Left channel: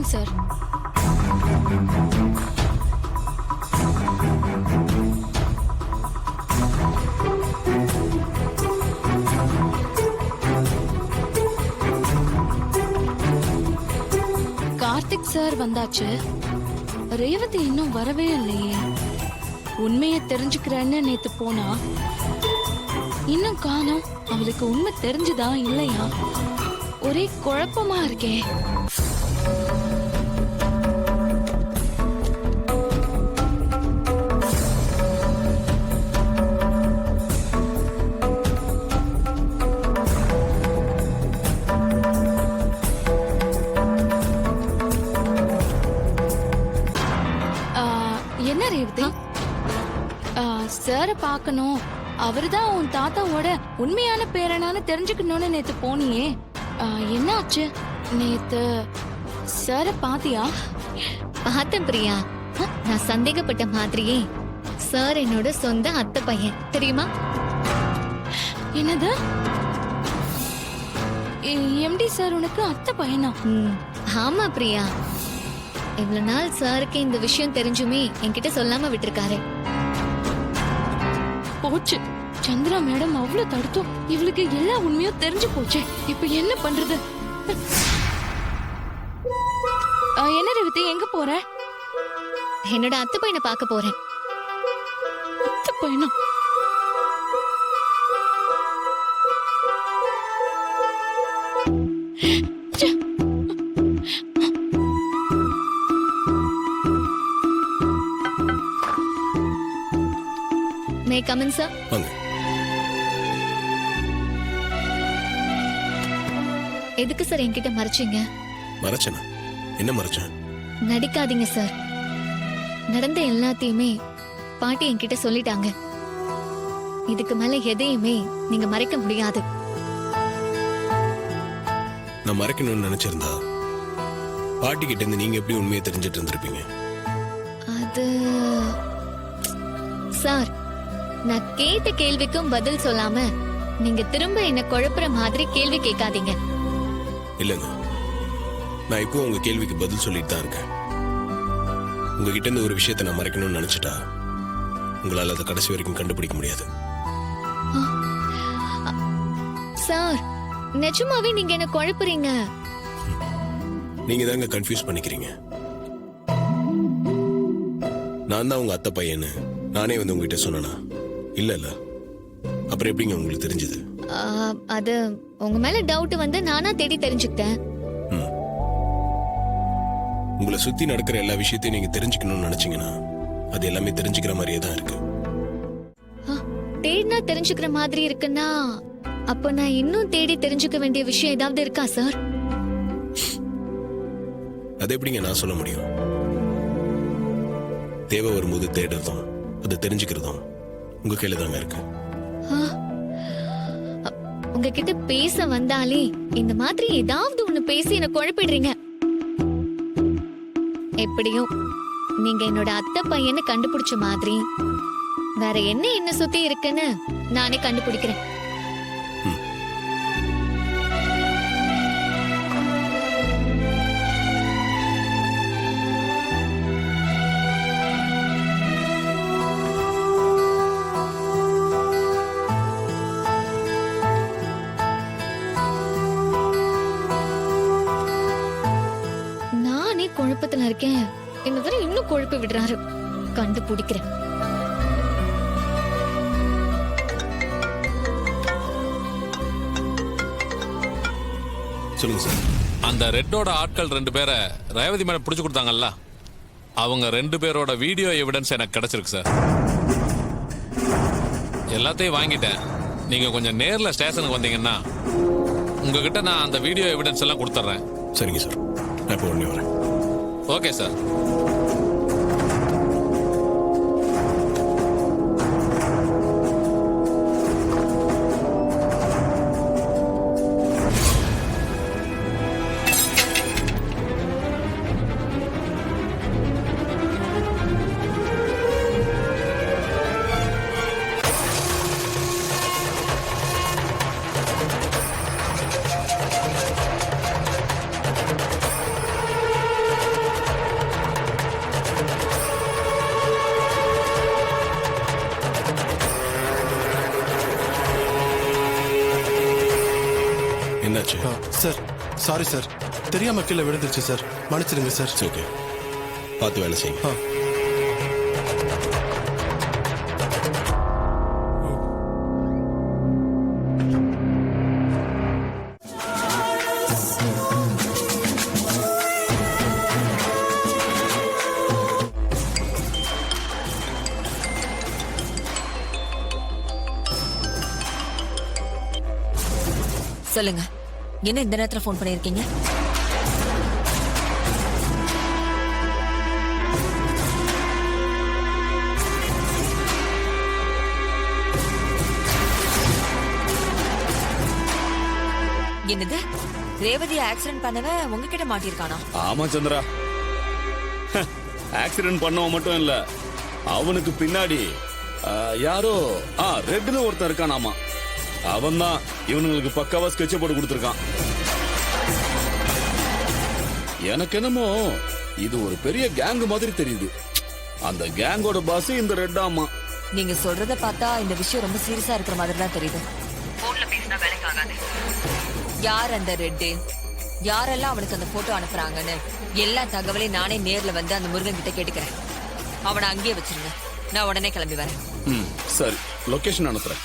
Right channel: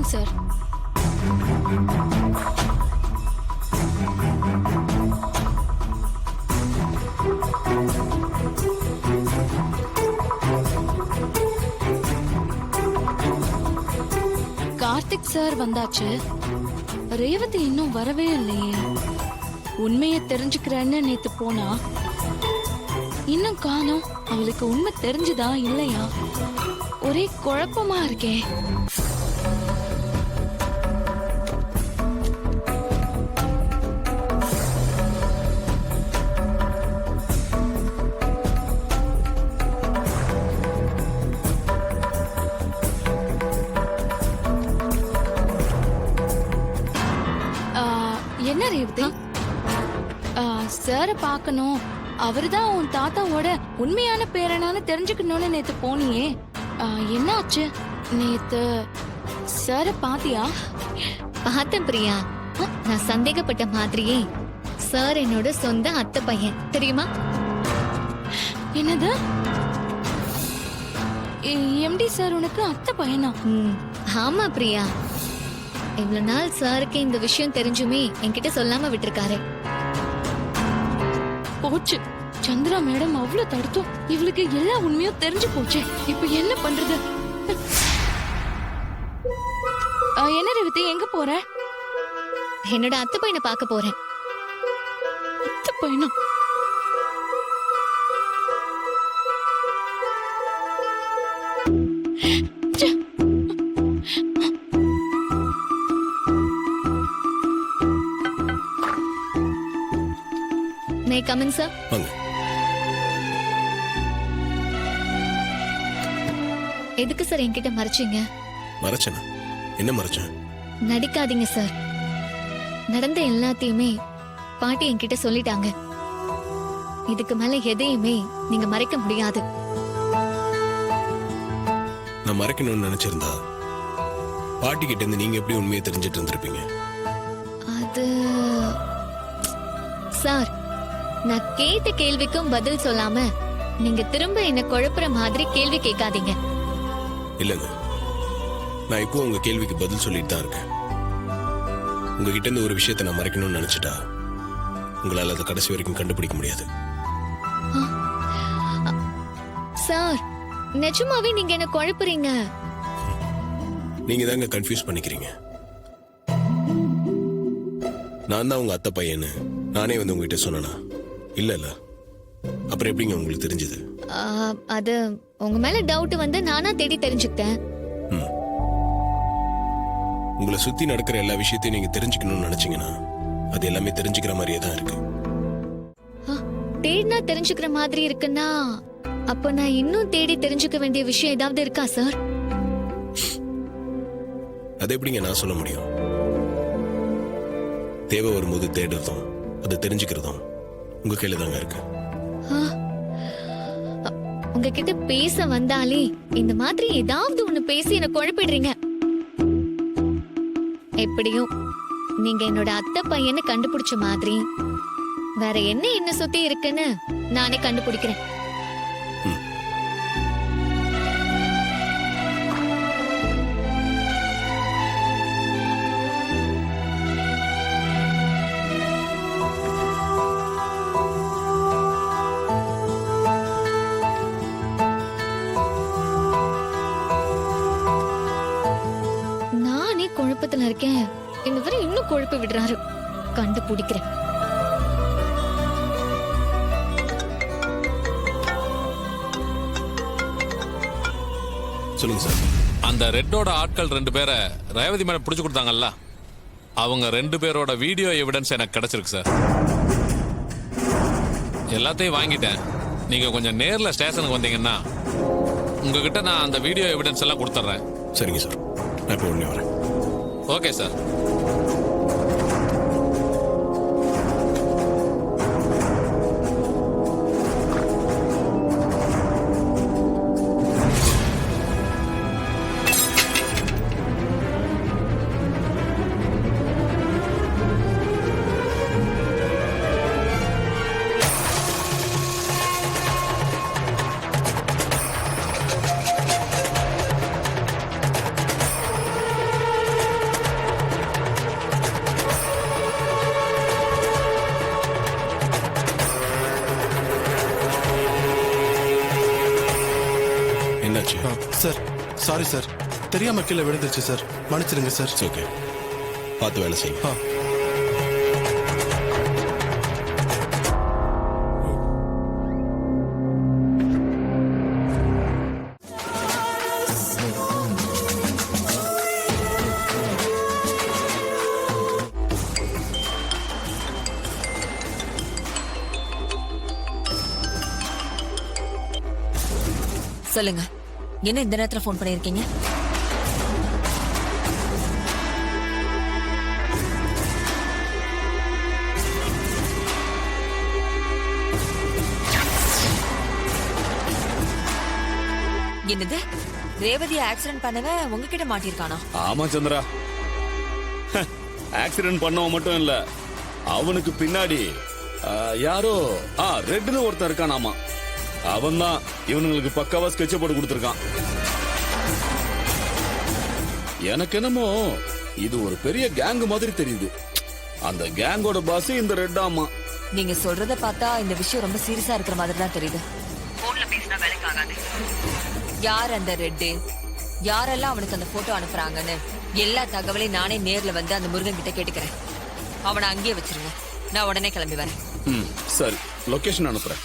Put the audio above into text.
Morning sir. Karthik sir வந்தாச்சு. ரேவதி இன்னும் வரவே இல்லையே. உண்மையை தெரிஞ்சுக்கிறேன்னு நேத்து போனா, இன்னும் காணோம். அவளுக்கு உண்மை தெரிஞ்சுதா இல்லையா? ஒரே குழப்பமா இருக்கே. என்ன ரேவதி? சார பாக்கணும், அவருதான் உன் தாத்தாவோட உண்மையான பேரனான்னு தெரிஞ்சுக்கணும்னு நேத்து போனியே, என்ன ஆச்சு? நேத்து சார பாத்தியா? பார்த்தேன் பிரியா. நான் சந்தேகப்பட்ட மாதிரியே சார் என்னோட சொந்த அத்தை பையன், தெரியுமா? என்னது? எம்டி சார் உனக்கு அத்தை பையனா? ஆமா பிரியா. இவ்வளவு நாள் சாருக்கு இந்த விஷயம் தெரிஞ்சுமே என்கிட்ட சொல்லாம விட்டுருக்காரு. போச்சு, சந்திரா மேடம் அவ்வளவு தடுத்தோம் இவளுக்கு எல்லா உண்மையும் தெரிஞ்சு போச்சு. இப்ப என்ன பண்றது? என்ன ரேவதி, எங்க போற? என்னோட அத்தை பையனை பார்க்க போறேன். அத்தை பையனா? May come in sir? வாங்க. எதுக்கு சார் என்கிட்ட மறைச்சீங்க? மறைச்சனா? என்ன மறைச்சேன்? நடிக்காதீங்க சார். நடந்த எல்லாத்தையுமே பாட்டி என்கிட்ட சொல்லிட்டாங்க. இதுக்கு மேல எதையுமே நீங்க மறைக்க முடியாது. நான் மறைக்கணும்னு நினைச்சிருந்தா பாட்டி கிட்ட இருந்து நீங்க எப்படி உண்மையை தெரிஞ்சிட்டு இருந்திருப்பீங்க? அது சார், நான் கேட்ட கேள்விக்கும் பதில் சொல்லாம நீங்க திரும்ப என்ன குழப்புற மாதிரி கேள்வி கேட்காதீங்க. இல்லங்க, நான் இப்போ உங்க கேள்விக்கு பதில் சொல்லிட்டு தான் இருக்கேன். உங்ககிட்ட இருந்து ஒரு விஷயத்தை நான் மறைக்கணும்னு நினைச்சிட்டா உங்களால அதை கடைசி வரைக்கும் கண்டுபிடிக்க முடியாது. சார், நிஜமாவே நீங்க என்ன குழப்புறீங்க. நீங்க தாங்க கன்ஃபியூஸ் பண்ணிக்கிறீங்க. நான் தான் உங்க அத்தை பையன்னு நானே வந்து உங்ககிட்ட சொன்னா இல்ல இல்ல, அப்புறம் எப்படிங்க உங்களுக்கு தெரிஞ்சது? அது உங்க மேல டவுட் வந்து நானா தேடி தெரிஞ்சுக்கிட்டேன். உங்களை சுத்தி நடக்கிற எல்லா விஷயத்தையும் நீங்க தெரிஞ்சுக்கணும்னு நினைச்சீங்கன்னா அது எல்லாமே தெரிஞ்சுக்கிற மாதிரியே தான் இருக்கு. தேடினா தெரிஞ்சுக்கிற மாதிரி இருக்குன்னா அப்ப நான் இன்னும் தேடி தெரிஞ்சுக்க வேண்டிய விஷயம் ஏதாவது இருக்கா சார்? அது எப்படிங்க நான் சொல்ல முடியும்? தேவை வரும்போது தேடுறதும் அதை தெரிஞ்சுக்கிறதும் உங்க கையில தாங்க இருக்கு. உங்ககிட்ட பேச வந்தாலே இந்த மாதிரி ஏதாவது ஒண்ணு பேசி என்ன குழப்பிடுறீங்க. எப்படியும் நீங்க என்னோட அத்தை பையனை கண்டுபிடிச்ச மாதிரி வேற என்ன சுத்தி இருக்குன்னு நானே கண்டுபிடிக்கிறேன். நானே குழப்பத்துல இருக்கேன், இன்னொரு இன்னும் குழப்பி விடுறாரு. கண்டுபிடிக்கிறேன். சொல்லுங்க சார். அந்த ரெட்டோட ஆட்கள் 2 பேரை ரேவதி மேடம் பிடிச்சு கொடுத்தாங்கல்ல, அவங்க 2 பேரோட வீடியோ எவிடன்ஸ் எனக்கு கிடைச்சிருக்கு சார். எல்லாத்தையும் வாங்கிட்டேன். நீங்க கொஞ்சம் நேர்ல ஸ்டேஷனுக்கு வந்தீங்கன்னா உங்ககிட்ட நான் அந்த வீடியோ எவிடன்ஸ் எல்லாம் கொடுத்துட்றேன். சரிங்க சார், நான் இப்போ உடனே வரேன். Okay sir. என்னாச்சு? சார் சாரி சார், தெரியாம கீழே விழுந்துருச்சு சார், மன்னிச்சிடுங்க சார். ஓகே, பார்த்து வேலை செய்யுங்க. ஆ. சொல்லுங்க, என்ன இந்த நேரத்துல ஃபோன் பண்ணிருக்கீங்க? என்னது, ரேவதி ஆக்சிடென்ட் பண்ணவன் உங்ககிட்ட மாட்டிருக்கானா? ஆமா சந்திரா, ஆக்சிடென்ட் பண்ணவன் மட்டும் இல்ல, அவனுக்கு பின்னாடி யாரோ ரெட்னு ஒருத்தன் இருக்கானாமா. அவன் தான் இவனுங்களுக்கு பக்காவா ஸ்கெட்ச் போட்டு கொடுத்திருக்கான். எனக்கு என்னமோ இது ஒரு பெரிய கேங் மாதிரி தெரியுது. அந்த கேங்கோட பாஸ் இந்த ரெட் ஆமா. நீங்க சொல்றத பார்த்தா இந்த விஷயம் ரொம்ப சீரியஸா இருக்கிற மாதிரி தான் தெரியுது. போன்ல பேசினா வேலைக்கு ஆகாது. யார் அந்த ரெட்டு, யாரெல்லாம் அவனுக்கு அந்த போட்டோ அனுப்புறாங்கன்னு எல்லா தகவலையும் நானே நேர்ல வந்து அந்த முருகன் கிட்ட கேட்டுக்கிறேன். அவனை அங்கேயே வச்சிருங்க, நான் உடனே கிளம்பி வரேன். சரி, லொகேஷன் அனுப்புறேன்.